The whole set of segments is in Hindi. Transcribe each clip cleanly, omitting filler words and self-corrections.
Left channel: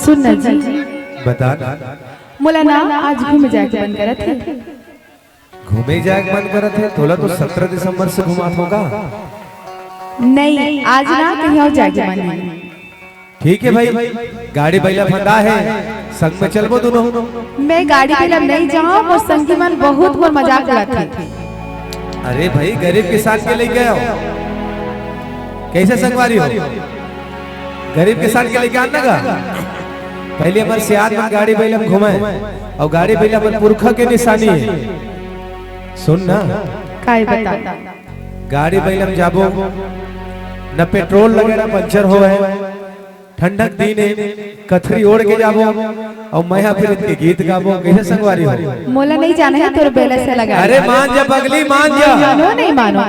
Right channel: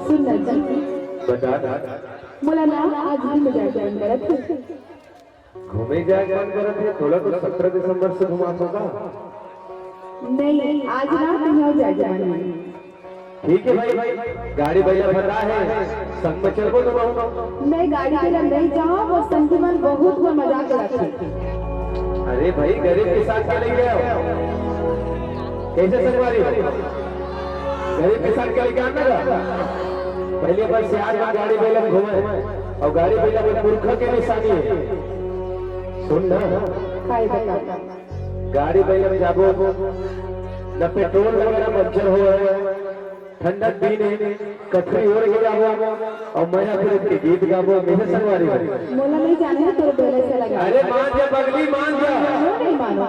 सुन ना जी, बता। मोला ना आज घूमे जाए के मन करत है। घूमे जाए मन करत है तोला तो 17 दिसंबर से घुमात होगा। नहीं, आज ना कहीं और जाए के मन है। ठीक है भाई, गाड़ी बैला फंदा है, संग में चलबो दोनों। मैं गाड़ी में लब नहीं जाऊँ और संगी मन बहुत मोर मजाक उड़ाते थे। अरे भाई गरीब के साथ के लेके आओ, कैसे संगवारी हो? गरीब के साथ के लेके आना गा। पहले बस सियार में गाड़ी बैला में घुमाए और गाड़ी बैला में पुरखा के निशानी है। सुन ना, काय बता गाड़ी बैला में जाबो न पेट्रोल लगे न पंचर हो है, ठंडक दिन है, कथरी ओढ़ के जाबो और मैं फिर के गीत गाबो, कैसे संगवारी हो? मोला नहीं जाना है तोर बेला से लगा। अरे मान जा पगली, मान जा। मानो नहीं मानो।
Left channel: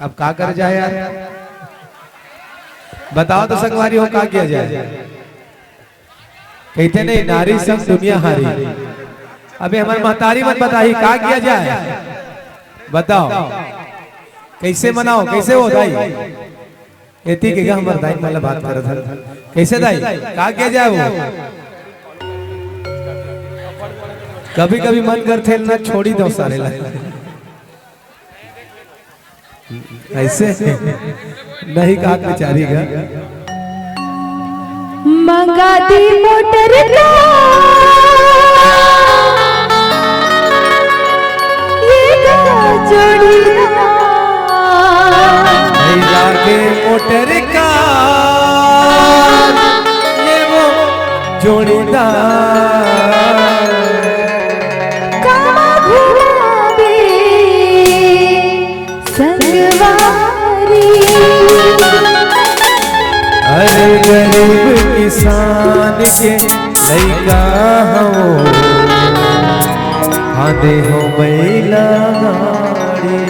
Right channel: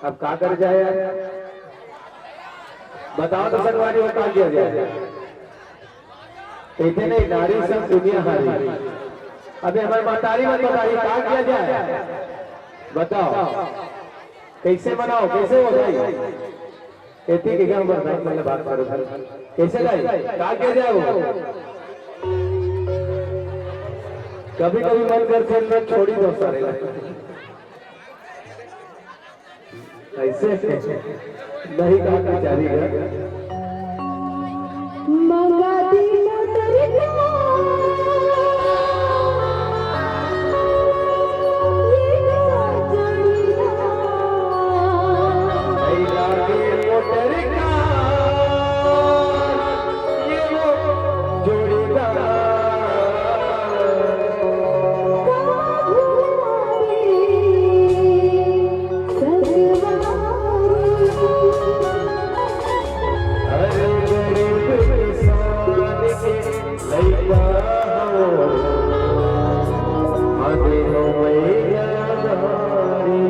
अब का कर जाए यार, बताओ तो संगवारी हो का किया जाए? कहते नहीं नारी सब दुनिया हारी। अबे हमारी महतारी मत बताई का किया जाए, बताओ कैसे मनाओ, कैसे हो दाई? कहती कि हमारे दाई मतलब बात कर था, कैसे दाई का किया जाए? वो कभी कभी मन करते ना छोड़ी दो सारे ऐसे नहीं कहा बेचारी का। मंगा दी मोटर का ये जोड़ी जाके मोटर का ये वो जोड़ीदार गरीब किसान के लइका हो, आंधे हो बैला गाड़ी।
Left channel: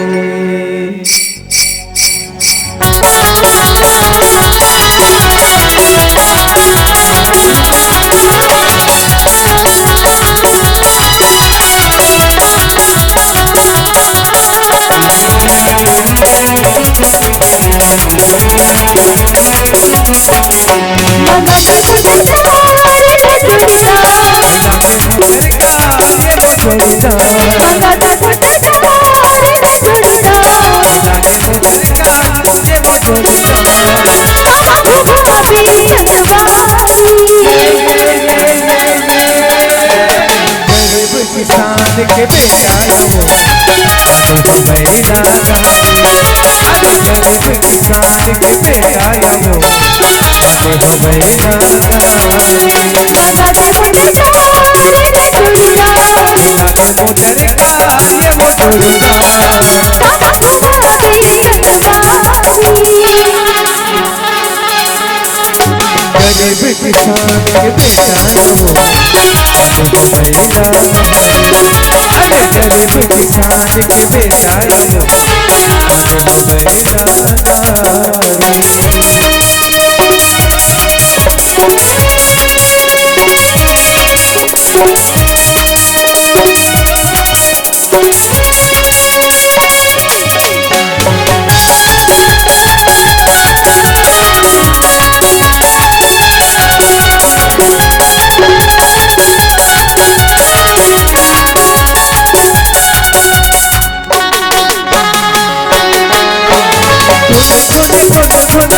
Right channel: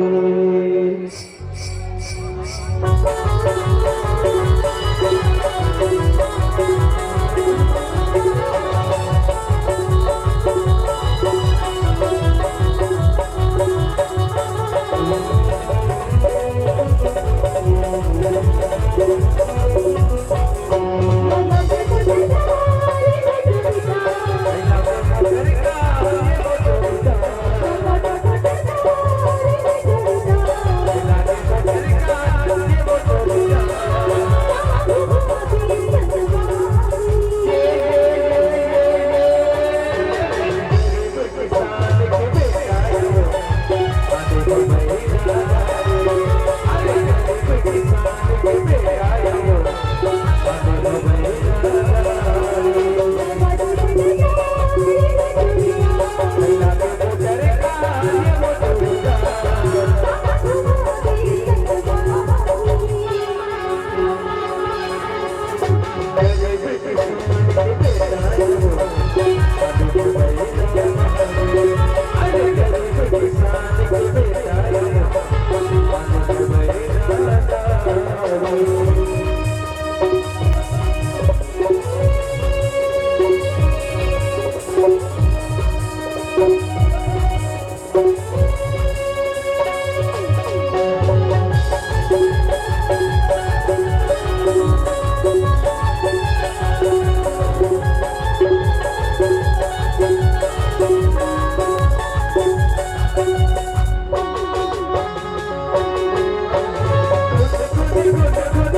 खुद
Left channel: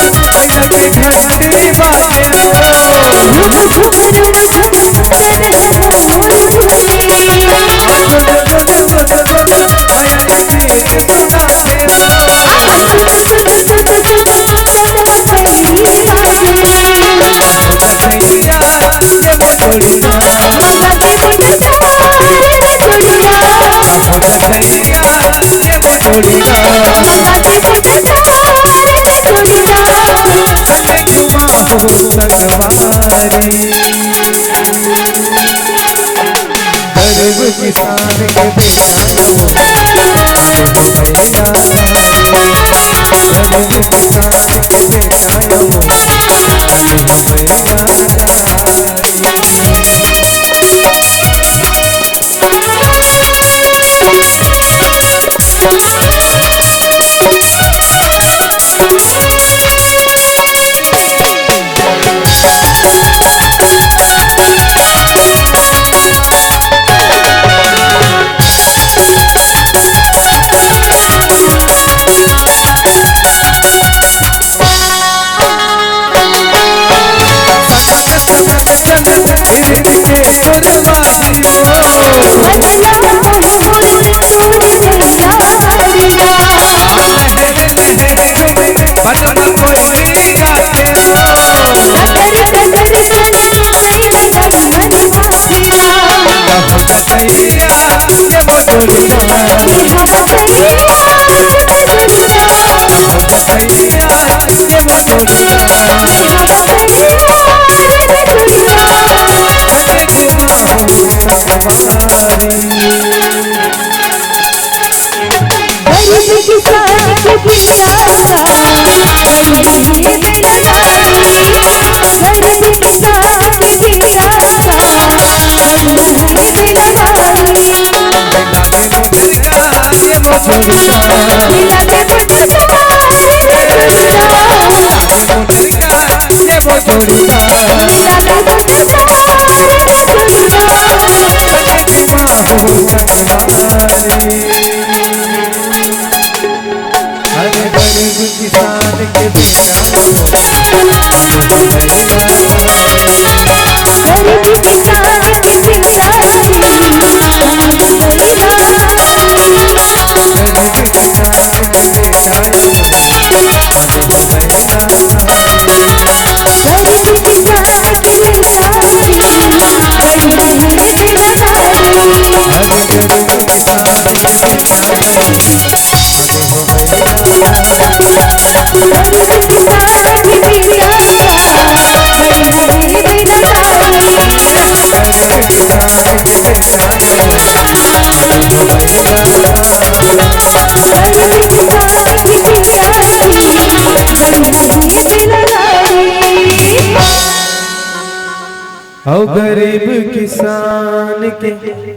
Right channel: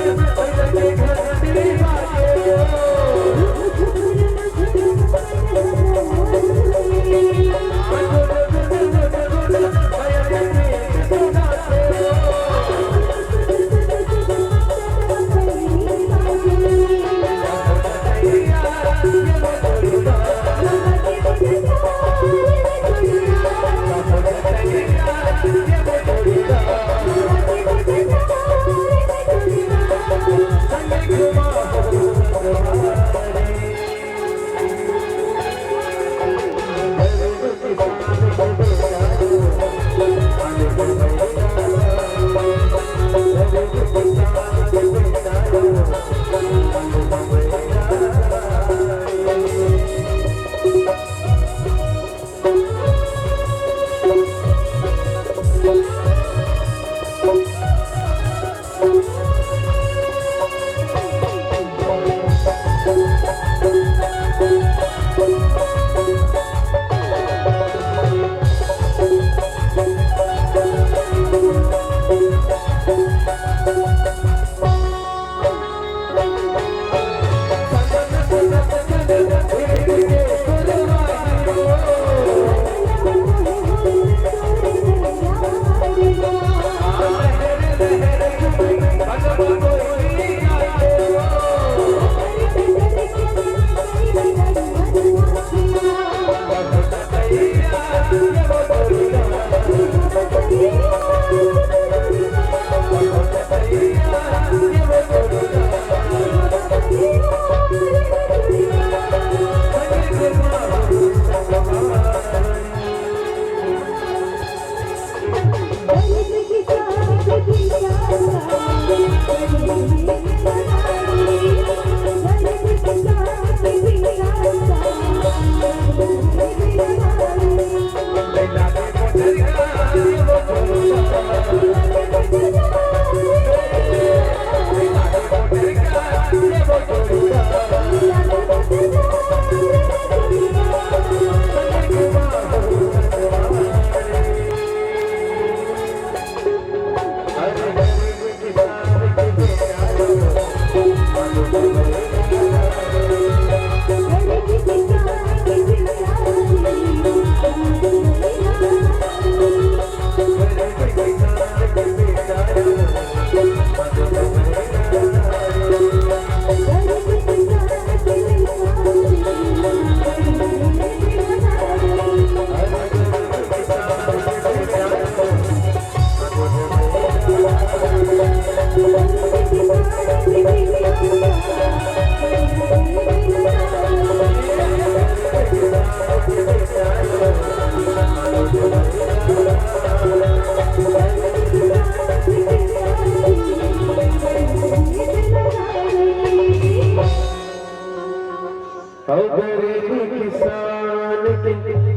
औ गरीब किसान के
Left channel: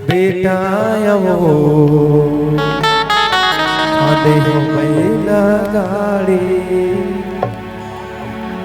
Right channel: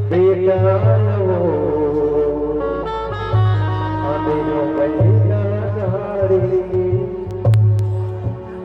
बेटा वो